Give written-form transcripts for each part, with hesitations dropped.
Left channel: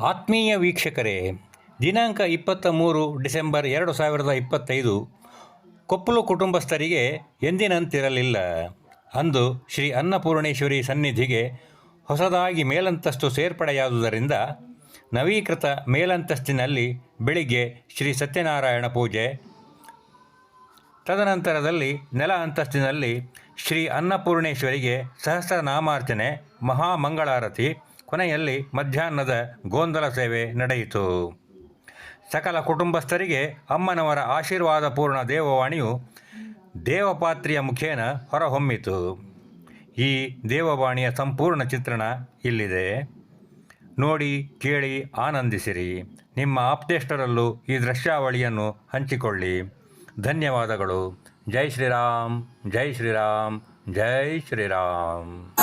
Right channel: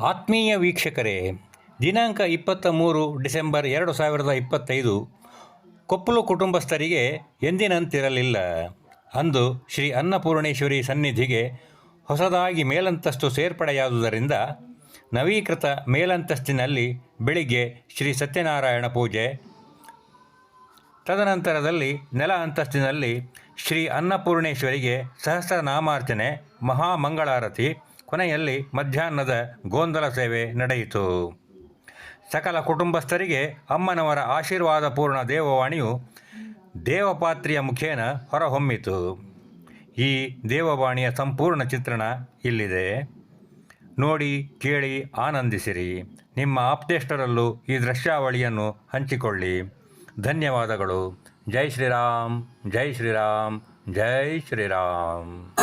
ಆತ್ಮೀಯ ವೀಕ್ಷಕರೇ, ದಿನಾಂಕ 23 ಡಿಸೆಂಬರ್ 2025 ಕೊಪ್ಪಲು ಕುಟುಂಬಸ್ಥರಿಗೆ ಎಂದಿನಂತಿರಲಿಲ್ಲ. ಅಂದು ಶ್ರೀ ಅನ್ನಪೂರ್ಣೇಶ್ವರಿ ಸನ್ನಿಧಿಗೆ ಹೊಸದಾಗಿ ಮೇಲಂತಸ್ತು ಸೇರ್ಪಡೆಯಾದುದರಿಂದ ನವೀಕೃತ ಮೇಲಂತಸ್ತಿನಲ್ಲಿ ಬೆಳಿಗ್ಗೆ ಶ್ರೀ ಸತ್ಯನಾರಾಯಣ ಪೂಜೆ, ತದನಂತರದಲ್ಲಿ ನೆಲ ಅಂತಸ್ತಿನಲ್ಲಿ ಶ್ರೀ ಅನ್ನಪೂರ್ಣೇಶ್ವರಿಗೆ ಸಹಸ್ರನಾಮಾರ್ಚನೆ, ಮಹಾಮಂಗಳಾರತಿ, ಕೊನೆಯಲ್ಲಿ ಮಧ್ಯಾಹ್ನದ ಗೋಂದಲ ಸೇವೆ ನಡೆಯಿತು. ಸಕಲ ಕುಟುಂಬಸ್ಥರಿಗೆ ಅಮ್ಮನವರ ಆಶೀರ್ವಾದಪೂರ್ಣ ದೇವವಾಣಿಯು ದೇವಪಾತ್ರಿಯ ಮುಖೇನ ಹೊರಹೊಮ್ಮಿತು. ಈ ದೇವವಾಣಿಯ ಸಂಪೂರ್ಣ ಚಿತ್ರಣ ಇಲ್ಲಿದೆ. ನೋಡಿ, ಕೇಳಿ, ಆನಂದಿಸಿರಿ. ನಿಮ್ಮ ಆಪ್ತೇಷ್ಟರಲ್ಲೂ ಈ ದೃಶ್ಯಾವಳಿಯನ್ನು ಹಂಚಿಕೊಳ್ಳಿ. ಧನ್ಯವಾದಗಳು. ಜೈ ಶ್ರೀರಾಮ್, ಜೈ ಶ್ರೀರಾಮ್, ಜೈ ಶ್ರೀರಾಮ್.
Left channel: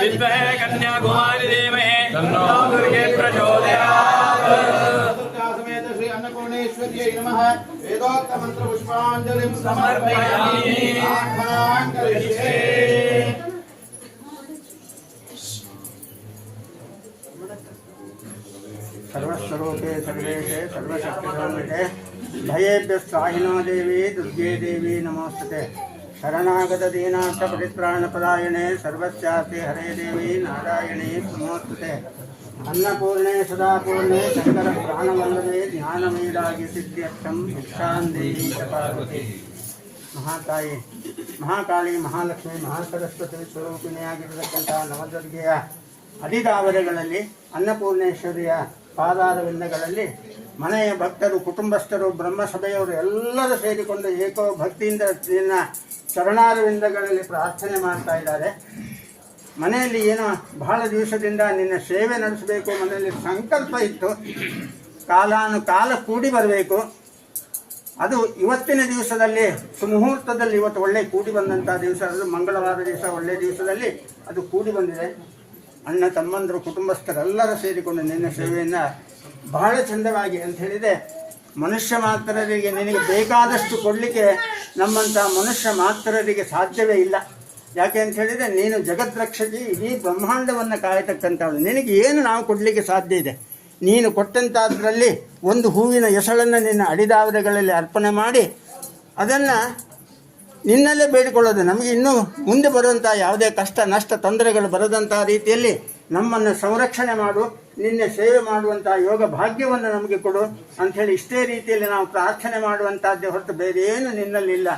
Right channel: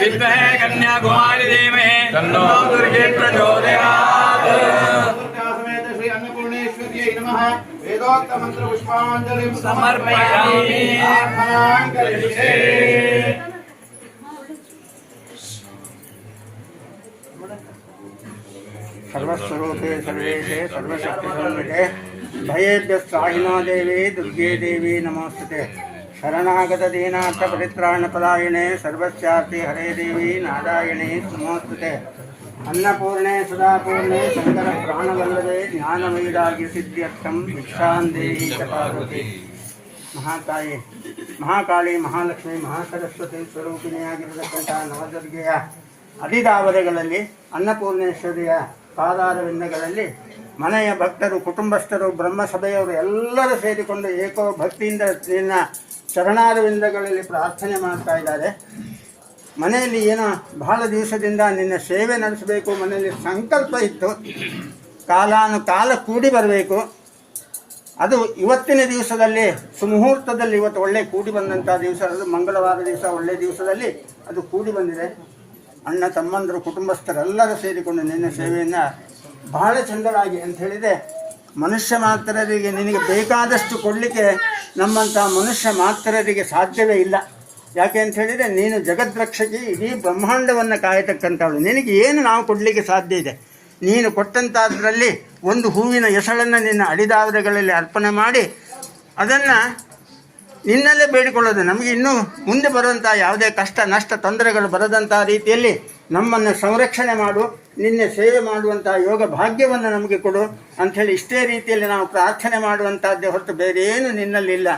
विद्महे कन्याकुमारी धीमहि तन्नो दुर्गे प्रचोदयात्। समेत श्री अन्नपूर्णेश्वर्यै नमः। वेदोक्त मंत्र पुष्पांजलिं समर्पयामि। प्रार्थनां करिष्ये। ಸರ್ವಸ್ವರೂಪೇ ಸರ್ವೇಶೇ ಸರ್ವಶಕ್ತಿಸಂಹಿತೆ ಭಯೇಭ್ಯ ಸ್ವಾಹಿನೋ ದೇವಿ ದುರ್ಗೆ ದೇವಿ ನಮೋಸ್ತುತೆ ಶರಣಾಗತ ದೀನಾಥ ಪರಿತ್ರಾಣ ಪರಾಯಣೆ ಸರ್ವಸ್ಯಾರ್ಥಿ ಹರೇ ದೇವಿ ನಾರಾಯಣಿ ನಮೋಸ್ತುತೆ ಅನ್ನಪೂರ್ಣೆ ಸುಧಾಪೂರ್ಣೆ ಶಂಕರ ಪ್ರಾಣವಲ್ಲದೆ ಜ್ಞಾನವೈರಾಗಿ ಸಿದ್ಧ್ಯರ್ಥಂ ಭಿಕ್ಷಾಂದೇಹಿ ಶತಾವತಿ. ಮಹಾತಾಯಿ ಮಹಾಕಾಳಿ ಮಹಾಲಕ್ಷ್ಮಿ ಮಹಾಸರಸ್ವತಿ ಸ್ವರೂಪಿಣಿಯಾಗಿರತಕ್ಕಂಥ ನವದುರ್ಗೆಯ ಅಡಿದಾವರೆಗಳಲ್ಲಿ ಅನ್ನಪೂರ್ಣೇಶ್ವರಿಯ ಪಾದಾರವಿಂದಗಳಲ್ಲಿ ಮನೆಯ ಭಕ್ತರು ಕುಟುಂಬಸ್ಥರು ಬ್ರಹ್ಮಸಭೆಯವರು ಎಲ್ಲರೂ ಸೇರಿಕೊಂಡು ಏಕೋ ಭಕ್ತಿಯಿಂದ ನಿನ್ನ ಚರಣಾರವಿಂದಗಳಲ್ಲಿ ಪ್ರಾರ್ಥನೆ ಮಾಡ್ತಾ ಇದ್ದಾರೆ. ಮನೆಯಲ್ಲಿ ಏನೋ ಬಹಳ ದಿವಸದಿಂದ ನಿನ್ನ ಸೇವೆ ನಡೆಸಬೇಕು, ಮನೆಯಲ್ಲಿ ಸಂಕಲ್ಪ ಇತ್ತು, ಕಾಲಾನುಕಾಲ ಕೂಡಿ ಬರಬೇಕು. ಅದು ಇವತ್ತಿನ ದಿವಸದಲ್ಲಿ ಸುಮುಹೂರ್ತದಲ್ಲಿ ಇವತ್ತು ಒಳ್ಳೆ ಕೂಡಿ ಬಂದಂಥ ದಿವಸ, ಅದು ಮಂಗಳವಾರ ದಿವಸ ಒಳ್ಳೆಯ ದಿವಸದಲ್ಲಿ ಅದು ಕೂಡಿ ಬಂದಿದೆ. ಅಣ್ಣ ತಮ್ಮಂದರು ಕುಟುಂಬಸ್ಥರೆಲ್ಲರೂ ಸೇರಿಕೊಂಡು ನಿನ್ನ ಸೇವೆಯನ್ನು ಬಹಳ ಚಂದವಾಗಿ ಅಂತ ಹೇಳಿದೆ. ಮನುಷ್ಯ ಮಾತ್ರರಿಗೆ ನಿನಗೆ ಬೇಕಾದಷ್ಟು ಕೊಡಲಿಕ್ಕೆ ನಮ್ಮಂಥ ಮನುಷ್ಯ ಮಾತ್ರರಿಗೆ ಸಾಧ್ಯವೇ ಇಲ್ಲ. ಯಾಕೆ ಅಂತ ಹೇಳಿದರೆ ನೀನು ಜಗದ್ರಕ್ಷಕಿ, ಇಡೀ ಬ್ರಹ್ಮಾಂಡವನ್ನು ಕಾಯತಕ್ಕಂಥವಳು. ನಿನಗೆ ಏನು ನಾವು ಕೊಡಲಿಕ್ಕೆ ಸಾಧ್ಯ ಇದೆ? ನೀನು ಕೊಟ್ಟಂಥದ್ರಲ್ಲಿ ಒಂದು ಹೂವಿನ ಎಸಳನ್ನು ನಿನ್ನ ಅಡಿದಾವರೆಗಳಲ್ಲಿ ಅರ್ಪಣೆ ಮಾಡಿ ಅದನ್ನು ನಿನ್ನಲ್ಲೇ ಬೇಡಿಕೊಳ್ಳೋದು. ನಮಗೆ ಇನ್ನೂ ಮುಂದೆ ಬರುವಂಥ ಯಾವುದೇ ಕಷ್ಟ ನಷ್ಟ ತೊಂದರೆಗಳು ಬರದಂಥ ರೀತಿಯಲ್ಲಿ ನಮ್ಮನ್ನು ಸಂರಕ್ಷಣೆ ಮಾಡು, ನಿನ್ನೆ ಸೇವೆ ಮಾಡುವಂಥ ಯೋಗ ಭಾಗ್ಯವನ್ನು ನಮಗೆ ಕೊಡು ಅಂಥೇಳಿ ಇಷ್ಟೇ ರೀತಿಯಲ್ಲಿ ನಾವು ಪ್ರಾರ್ಥನೆ ಮಾಡುವಂಥದ್ದೇ ಹೊರತು ಬೇರೆ ಏನು ನಿನ್ನಲ್ಲಿಲ್ಲ.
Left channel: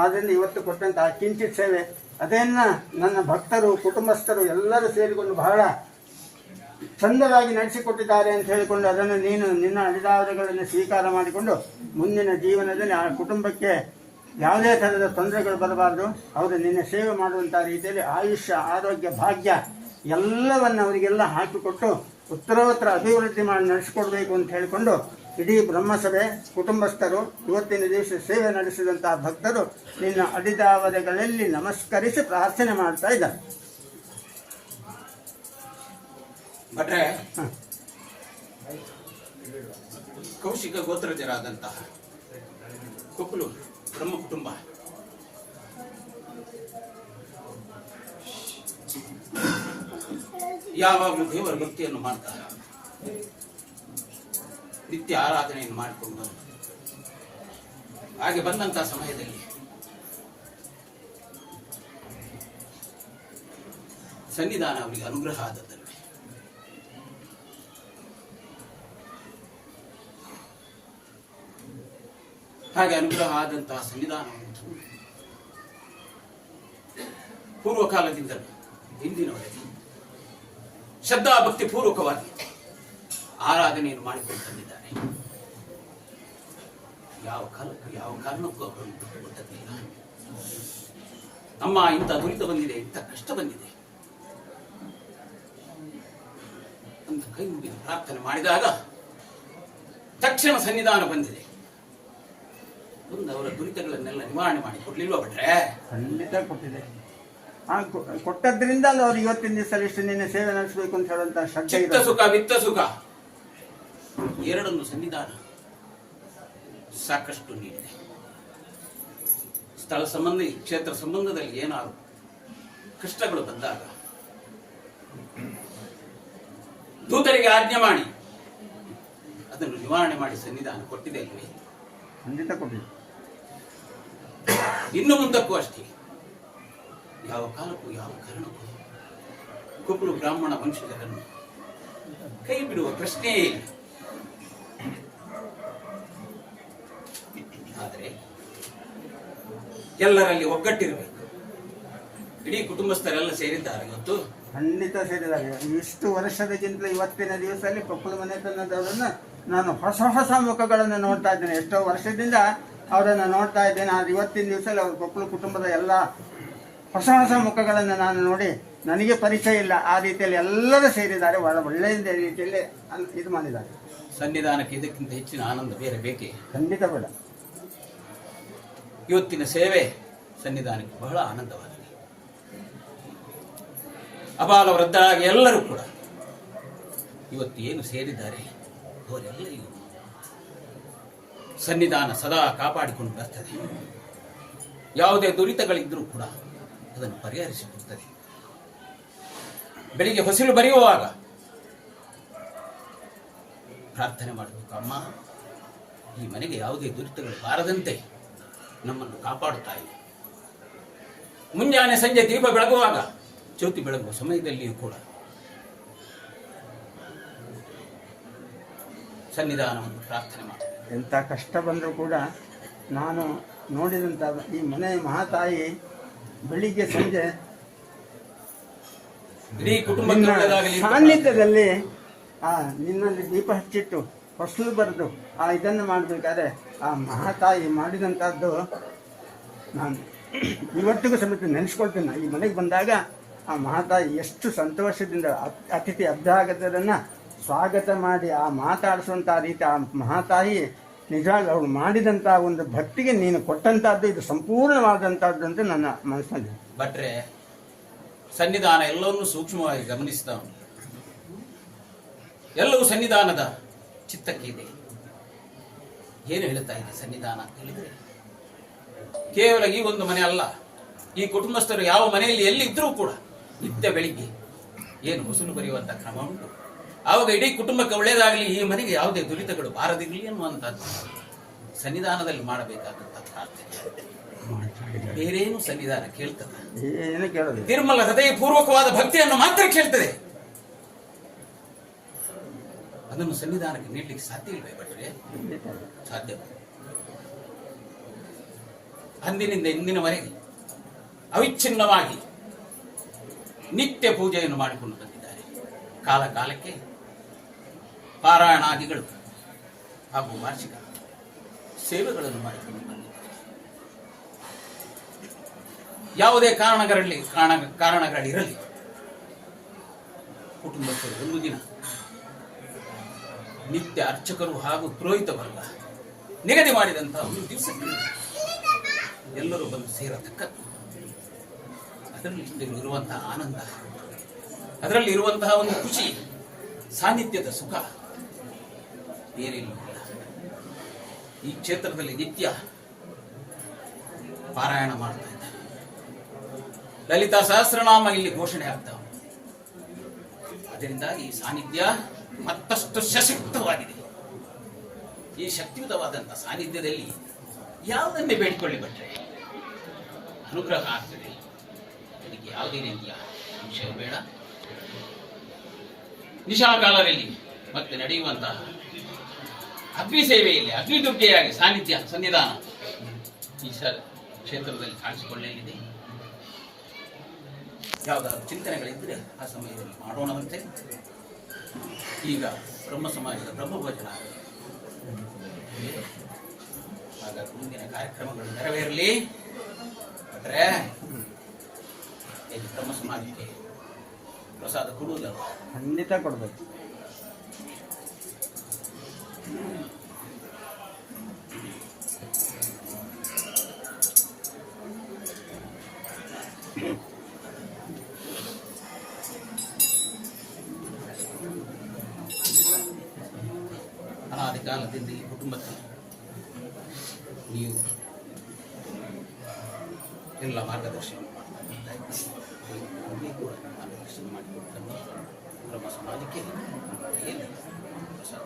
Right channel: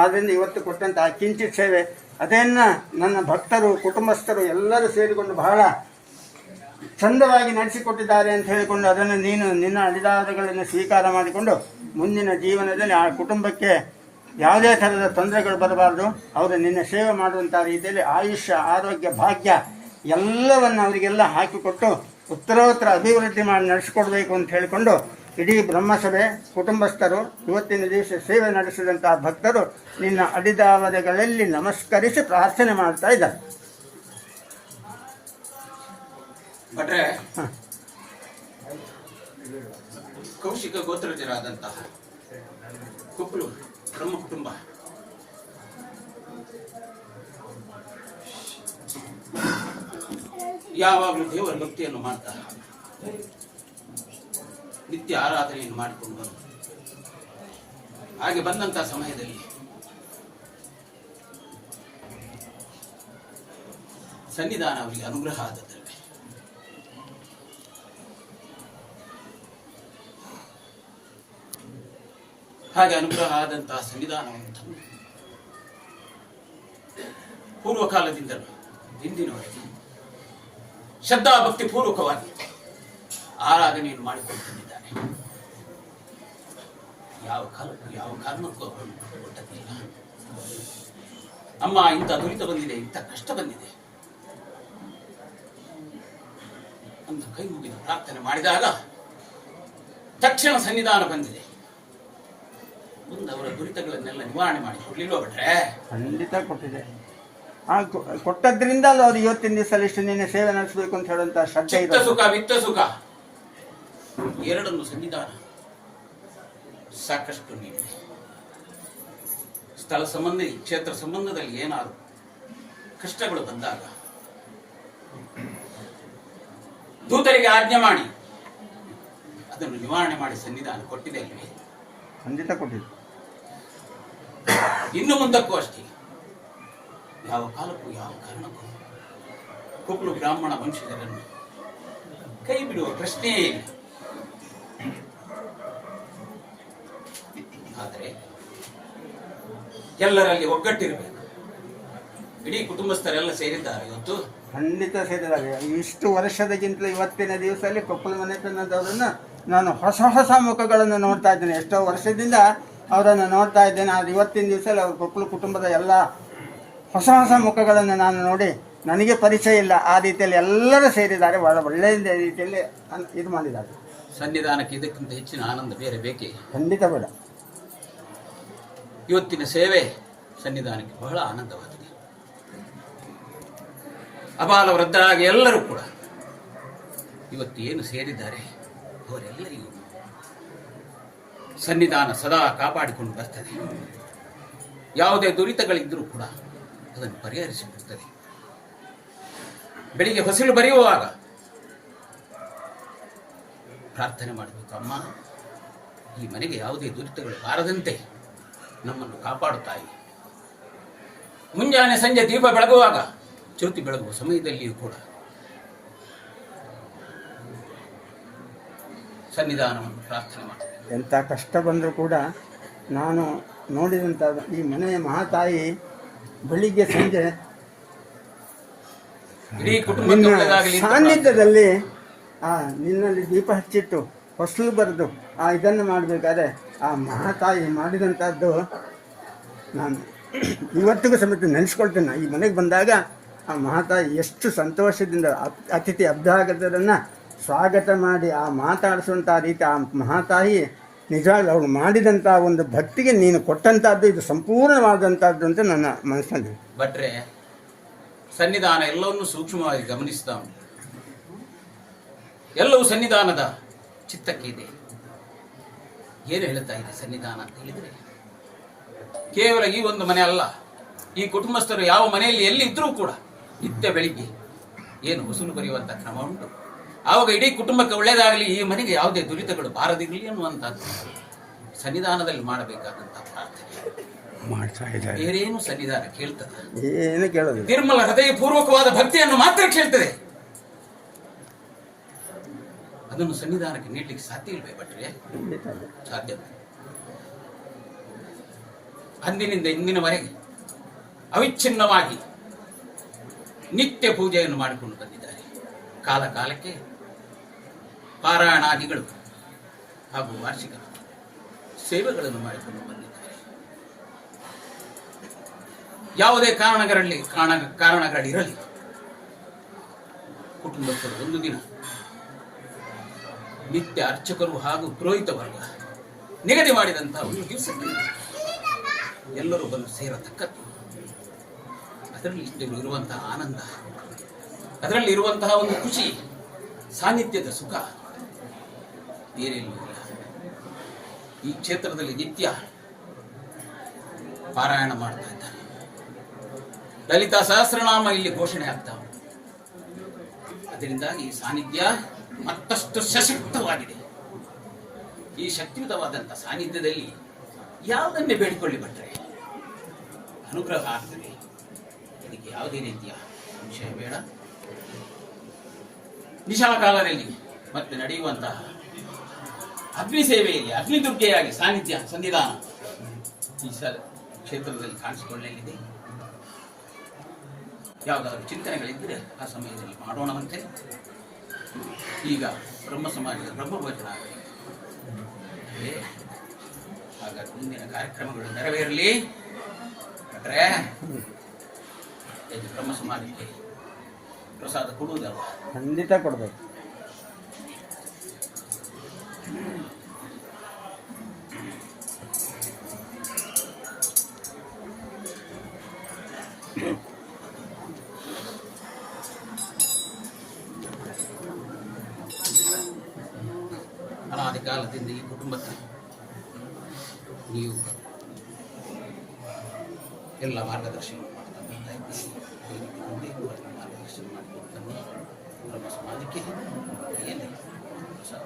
ಆದ್ದರಿಂದ ಇವತ್ತು ಕೊಟ್ಟಂಥ ಕಿಂಚಿತ್ ಸೇವೆ ಅದನ್ನು ನನ್ನ ಭಕ್ತರು ಕುಟುಂಬಸ್ಥರು ಎಲ್ಲರೂ ಸೇರಿಕೊಂಡು ಬಹಳ ಚಂದವಾಗಿ ನಡೆಸಿಕೊಟ್ಟಿದ್ದಾರೆ ಅಂತ ಹೇಳಿಕೊಂಡು ಅದನ್ನು ನೀನು ನಿನ್ನ ಅಡಿದಾವರೆಗಳನ್ನು ಸ್ವೀಕಾರ ಮಾಡಿಕೊಂಡು ಮುಂದಿನ ಜೀವನದಲ್ಲಿ ಆ ಕುಟುಂಬಕ್ಕೆ ಯಾವುದೇ ಥರದ ತೊಂದರೆಗಳು ಬರಬಾರ್ದು. ಅವರು ನಿನ್ನ ಸೇವೆ ಮಾಡುವಂಥ ರೀತಿಯಲ್ಲಿ ಆಯುಷ್ಯ ಆರೋಗ್ಯ ಭಾಗ್ಯ ಎಲ್ಲವನ್ನು ಅವರಿಗೆಲ್ಲ ಹಾಕಿಕೊಟ್ಟು ಉತ್ತರೋತ್ತರ ಅಭಿವೃದ್ಧಿ ಮಾಡಿ ನಡೆಸಿಕೊಡ್ಬೇಕು ಅಂತ ಹೇಳಿಕೊಂಡು ಇಡೀ ಬ್ರಹ್ಮಸಭೆ ಕುಟುಂಬಸ್ಥರು ಇವತ್ತಿನ ದಿವಸ ಸೇವೆ ನಡೆಸಿದಂಥ ಭಕ್ತರು ನಿನ್ನ ಅಡಿದಾವರೆಗಳಲ್ಲಿ ನಮಸ್ಕರಿಸಿ ಪ್ರಾರ್ಥನೆ ಮಾಡ್ತಾ ಇದ್ದಾರೆ. ಭಟ್ರೆ, ಕೌಶಿಕ ಗೋತ್ರಜರಾದಂತಹ ಕುಪ್ಪಲು ಬ್ರಹ್ಮ ಕುಟುಂಬ ಯಾವಾಗಲೂ ದೇವರ ಭಕ್ತಿಯನ್ನು ಮಾಡ್ತಾ ನಿತ್ಯ ಆರಾಧನೆಯನ್ನು ಮಾಡಿಕೊಂಡು ಹಾಗೆ ಬಂದಂತಹ ಸಮಯದಲ್ಲಿ ಸನ್ನಿಧಾನ ಅವರಿಗೆ ಅನುಗ್ರಹ ಆದದ್ದಲ್ವೇ. ಹಾಗೆ ಅನುಗ್ರಹ ಆದಂತಹ ಸನ್ನಿಧಾನವನ್ನು ಪೂರ್ವಕಾಲದಿಂದಲೂ ಇಂದಿನವರೆಗೆ ಶ್ರದ್ಧಾ ಭಕ್ತಿ ಪೂರ್ವಕವಾಗಿ ಆರಾಧನೆಯನ್ನು ಮಾಡಿಕೊಂಡು ಬಂದಿದ್ದಾರೆ. ಯಾವ ಕಾರಣಕ್ಕೂ ಅವರನ್ನು ಕೊಟ್ಟದ್ದಿಲ್ಲ. ಅಮ್ಮ ಇಂಥ ದುರಿತ ಬಂದಿದೆ, ಇಂಥ ಕಷ್ಟ ಬಂದಿದೆ ಅಂತ ಕೈ ಮುಗಿದು ಪ್ರಾರ್ಥನೆ ಮಾಡಿದಾಗ ತಕ್ಷಣ ಸನ್ನಿಧಾನ ಬಂದಿದೆ. ಮುಂದೆ ಅವರ ದುರಿತಗಳನ್ನೆಲ್ಲ ನಿವಾರಣೆ ಮಾಡಿ ಕೊಡ್ಲಿಲ್ವ ಭಟ್ರೆ? ಖಂಡಿತ ಕೊಟ್ಟಿದೆ. ಕೊಟ್ಟದ್ರಿಂದ ಅವ್ರು ಇವತ್ತಿನ ದಿವಸ ಇಷ್ಟು ನಿನ್ನೆ ಸೇವೆ ನಡೆಸಬೇಕು ಅಂತ ಹೇಳುವಂತ ಶ್ರದ್ಧೆ ಚಿತ್ತ ಸುಖ ವಿತ್ತ ಸುಖ ಎರಡನ್ನು ಸನ್ನಿಧಾನ ಸಾಕಷ್ಟು ನೀಡಿದೆ. ಸ್ಥಳ ಸಂಬಂಧ ಕ್ಷೇತ್ರ ಸಂಬಂಧದಲ್ಲಿ ಏನಾದ್ರು ಕಷ್ಟಗಳು ಬಂದಾಗ ದೂತರಿಗೆ ಆಜ್ಞೆ ಮಾಡಿ ಅದನ್ನು ನಿವಾರಣೆ ಮಾಡಿ ಸನ್ನಿಧಾನ ಕೊಟ್ಟಿದೆ ಅಲ್ವೇ? ಖಂಡಿತ ಕೊಟ್ಟಿದೆ. ಇನ್ನು ಮುಂದಕ್ಕೂ ಅಷ್ಟೇ. ಯಾವ ಕಾಲಕ್ಕೂ ಯಾವ ಕಾರಣಕ್ಕೂ ಕುಪ್ಪಲು ಬ್ರಾಹ್ಮಣ ವಂಶಜರನ್ನು ಕೈ ಬಿಡುವ ಪ್ರಶ್ನೆಯೇ ಇಲ್ಲ. ಆದರೆ ಎಲ್ಲರಲ್ಲಿ ಒಗ್ಗಟ್ಟಿರಬೇಕು. ಇಡೀ ಕುಟುಂಬಸ್ಥರೆಲ್ಲ ಸೇರಿದ್ದಾರೆ ಇವತ್ತು. ಖಂಡಿತ ಸೇರಿದ್ದಾರೆ. ಇಷ್ಟು ವರ್ಷದಕ್ಕಿಂತಲೂ ಇವತ್ತಿನ ದಿವಸದಲ್ಲಿ ಕೊಪ್ಪಳ ಮನೆತನದವರನ್ನು ನಾನು ಹೊಸ ಹೊಸ ಮುಖಗಳನ್ನು ನೋಡ್ತಾ ಇದ್ದೇನೆ. ಎಷ್ಟೋ ವರ್ಷದಿಂದ ಅವರನ್ನು ನೋಡ್ತಾ ಇದ್ದೇನೆ. ಆದರೆ ಇವತ್ತಿನ ದಿವಸದಲ್ಲಿ ಅವ್ರ ಕೊಪ್ಪಳ ಕುಟುಂಬದ ಎಲ್ಲ ಹೊಸ ಹೊಸ ಮುಖಗಳನ್ನು ನಾನು ನೋಡಿ ನನಗೆ ಪರಿಚಯ ಇಲ್ಲ. ಆ ರೀತಿಯಲ್ಲಿ ಎಲ್ಲರೂ ಸೇರಿದ್ದಾರೆ. ಒಳ್ಳೆಯ ರೀತಿಯಲ್ಲಿ ಇದು ಮಾಡಿದ್ದಾರೆ. ಸನ್ನಿಧಾನಕ್ಕೆ ಇದಕ್ಕಿಂತ ಹೆಚ್ಚಿನ ಆನಂದ ಬೇರೆ ಬೇಕೇ? ಖಂಡಿತ ಬೇಡ. ಇವತ್ತಿನ ಸೇವೆ ಸನ್ನಿಧಾನಕ್ಕೆ ಬಹಳ ಆನಂದವಾಗಿದೆ. ಅಬಾಲ ವೃದ್ಧರಾಗಿ ಎಲ್ಲರೂ ಕೂಡ ಇವತ್ತು ಏನು ಸೇರಿದ್ದಾರೆ ಅವರೆಲ್ಲರಿಗೂ ಸನ್ನಿಧಾನ ಸದಾ ಕಾಪಾಡಿಕೊಂಡು ಬರ್ತದೆ. ಯಾವುದೇ ದುರಿತಗಳಿದ್ದರೂ ಕೂಡ ಅದನ್ನು ಪರಿಹರಿಸಿಕೊಡ್ತದೆ. ಬೆಳಿಗ್ಗೆ ಹೊಸಲು ಬರೆಯುವಾಗ ಪ್ರಾರ್ಥನೆ ಮಾಡಬೇಕು. ಅಮ್ಮ, ಈ ಮನೆಗೆ ಯಾವುದೇ ದುರಿತಗಳು ಬಾರದಂತೆ ನಮ್ಮನ್ನು ಕಾಪಾಡುತ್ತಾಯಿ. ಮುಂಜಾನೆ ಸಂಜೆ ದೀಪ ಬೆಳಗುವಾಗ, ಜ್ಯೋತಿ ಬೆಳಗುವ ಸಮಯದಲ್ಲಿಯೂ ಕೂಡ ಸನ್ನಿಧಾನವನ್ನು ಪ್ರಾರ್ಥನೆ ಮಾಡಿ. ಎಂಥ ಕಷ್ಟ ಬಂದರೂ ಕೂಡ ನಾನು ನೋಡಿದಂಥ ಈ ಮನೆಯ ಮಹಾತಾಯಿ ಬೆಳಿಗ್ಗೆ ಸಂಜೆ ಇಡೀ ಕುಟುಂಬ ಸಾನ್ನಿಧ್ಯದಲ್ಲಿ ನಿನ್ನಲ್ಲಿ ದೀಪ ಹಚ್ಚಿಟ್ಟು ಫಸಲು ಬರೆದು ಇದನ್ನು ಮಾಡಬೇಕಾದ್ರೆ ಆ ಮಹಾತಾಯಿ ಮಾಡಿದಂಥದ್ದು ನಾನು ಇವತ್ತಿಗೂ ಸಮೇತ ನೆನೆಸ್ಕೊಳ್ತೇನೆ. ಈ ಮನೆಗೆ ಬಂದಾಗ ಆ ಮಹಾತಾಯಿ ಎಷ್ಟು ಸಂತೋಷದಿಂದ ಅತಿಥಿ ಅಭ್ಯಾಗತರನ್ನು ಸ್ವಾಗತ ಮಾಡಿ ಆ ಮಾತಾಡಿಸುವಂಥ ರೀತಿ ಆ ಮಹಾತಾಯಿ ನಿಜವಾಗಿ ಅವಳು ಮಾಡಿದಂಥ ಒಂದು ಭಕ್ತಿಗೆ ನೀನು ಕೊಟ್ಟಂಥದ್ದು ಇದು ಸಂಪೂರ್ಣವಾದಂಥದ್ದು ಅಂತ ನನ್ನ ಮನಸ್ಸಿನಲ್ಲಿ. ಭಟ್ರೆ, ಸನ್ನಿಧಾನ ಎಲ್ಲವನ್ನೂ ಸೂಕ್ಷ್ಮವಾಗಿ ಗಮನಿಸ್ತಾ ಉಂಟು. ಎಲ್ಲವೂ ಸನ್ನಿಧಾನದ ಚಿತ್ತಕ್ಕೆ ಇದೆ. ಏನು ಹೇಳುತ್ತಾ ಇದೆ ಸನ್ನಿಧಾನ ಅಂತ ಹೇಳಿದರೆ, ಕೇವಲ ಈ ಒಂದು ಮನೆ ಅಲ್ಲ, ಈ ಕುಟುಂಬಸ್ಥರು ಯಾವ ಮನೆಯಲ್ಲಿ ಎಲ್ಲಿ ಇದ್ರೂ ಕೂಡ ನಿತ್ಯ ಬೆಳಿಗ್ಗೆ ಏನು ಹೊಸಲು ಬರೆಯುವಂಥ ಕ್ರಮ ಉಂಟು. ಆವಾಗ ಇಡೀ ಕುಟುಂಬಕ್ಕೆ ಒಳ್ಳೆಯದಾಗಲಿ, ಈ ಮನೆಗೆ ಯಾವುದೇ ದುರಿತಗಳು ಬಾರದಿರಲಿ ಅನ್ನುವಂಥದ್ದು ಸನ್ನಿಧಾನದಲ್ಲಿ ಮಾಡಬೇಕಾದಂಥ ಪ್ರಾರ್ಥನೆ. ಬೇರೇನು ಸನ್ನಿಧಾನ ಕೇಳ್ತದೆ? ಏನು ಕೇಳೋದು? ನಿರ್ಮಲ ಹೃದಯಪೂರ್ವಕವಾದ ಭಕ್ತಿಯನ್ನು ಮಾತ್ರ ಕೇಳ್ತದೆ. ಅದನ್ನು ಸನ್ನಿಧಾನಕ್ಕೆ ನೀಡಲಿಕ್ಕೆ ಸಾಧ್ಯ ಇಲ್ವೇ ಭಟ್ರೆ? ಸಾಧ್ಯ. ಅಂದಿನಿಂದ ಇಂದಿನವರೆಗೆ ಅವಿಚ್ಛಿನ್ನವಾಗಿ ನಿತ್ಯ ಪೂಜೆಯನ್ನು ಮಾಡಿಕೊಂಡು ಬಂದಿದ್ದಾರೆ. ಕಾಲ ಕಾಲಕ್ಕೆ ಪಾರಾಯಣಾದಿಗಳು ಹಾಗೂ ವಾರ್ಷಿಕ ಸೇವೆಗಳನ್ನು ಮಾಡಿಕೊಂಡು ಬಂದಿದ್ದಾರೆ. ಯಾವುದೇ ಕಾರಣಗಳಿರಲಿ, ಕುಟುಂಬಸ್ಥರು ಒಂದು ದಿನ ನಿತ್ಯ ಅರ್ಚಕರು ಹಾಗೂ ಪುರೋಹಿತ ವರ್ಗ ನಿಗದಿ ಮಾಡಿದಂತಹ ಒಂದು ದಿವಸಕ್ಕೆ ಎಲ್ಲರೂ ಬಂದು ಸೇರತಕ್ಕದ್ದು. ಅದರಲ್ಲಿ ಇರುವಂತಹ ಆನಂದ, ಅದರಲ್ಲಿ ಇರುವಂತಹ ಒಂದು ಖುಷಿ, ಸಾನ್ನಿಧ್ಯದ ಸುಖ ಬೇರೆಲ್ಲೂ ಇಲ್ಲ. ಈ ಕ್ಷೇತ್ರದಲ್ಲಿ ನಿತ್ಯ ಪಾರಾಯಣ ಮಾಡ್ತಾ ಇದ್ದಾರೆ. ಲಲಿತಾ ಸಹಸ್ರನಾಮ ಇಲ್ಲಿ ಘೋಷಣೆ ಆಗ್ತಾ ಉಂಟು. ಅದರಿಂದ ಈ ಸಾನ್ನಿಧ್ಯ ಮತ್ತಷ್ಟು ಸಶಕ್ತವಾಗಿದೆ. ಈ ಶಕ್ತಿಯುತವಾದಂತಹ ಸಾನ್ನಿಧ್ಯದಲ್ಲಿ ಯಾವುದನ್ನೇ ಬೇಡಿಕೊಳ್ಳಿ ಭಟ್ರೆ, ಅನುಗ್ರಹ ಆಗ್ತದೆ. ಇದಕ್ಕೆ ಯಾವುದೇ ರೀತಿಯ ಸಂಶಯ ಬೇಡ. ನಿಶಾಕಾಲದಲ್ಲಿ ಮತ್ತೆ ನಡೆಯುವಂತಹ ಅಗ್ನಿ ಸೇವೆಯಲ್ಲಿ ಅಗ್ನಿದುರ್ಗೆಯಾಗಿ ಸನ್ನಿಧಾನ ಈ ಕ್ಷೇತ್ರದಲ್ಲಿ ಕಾಣಿಸಿಕೊಳ್ಳಲಿದೆ. ಯಾವುದಾದ್ರು ಚಿಂತನೆಗಳಿದ್ದರೆ ಆ ಸಮಯದಲ್ಲಿ ಮಾಡೋಣವಂತೆ. ಈಗ ಬ್ರಹ್ಮ ಸಮಾಜದ ಬ್ರಹ್ಮವಚನ ಆಗಲಿ. ಹಾಗಾದ್ರೆ ಮುಂದಿನ ಕಾರ್ಯಕ್ರಮಗಳು ನೆರವೇರಲಿ. ಭಟ್ರೆ, ಬ್ರಹ್ಮ ಸಮಾಜಕ್ಕೆ ಪ್ರಸಾದ ಕೊಡುವುದಲ್ಲ? ಖಂಡಿತ ಕೊಡಬೇಕು. ಅನಾದಿ ಕಾಲದಿಂದ ಈ ಕುಟುಂಬಕ್ಕೆ ನೀವು ಎಲ್ಲ ಮಾರ್ಗದರ್ಶನ ಮಾಡ್ತಾ ಮಾರ್ಗದರ್ಶನ ಮಾಡಿಕೊಡ್ತಾನೆ ಬ್ರಹ್ಮ ಸಮಾಜಕ್ಕೆ ಪ್ರಸಾದ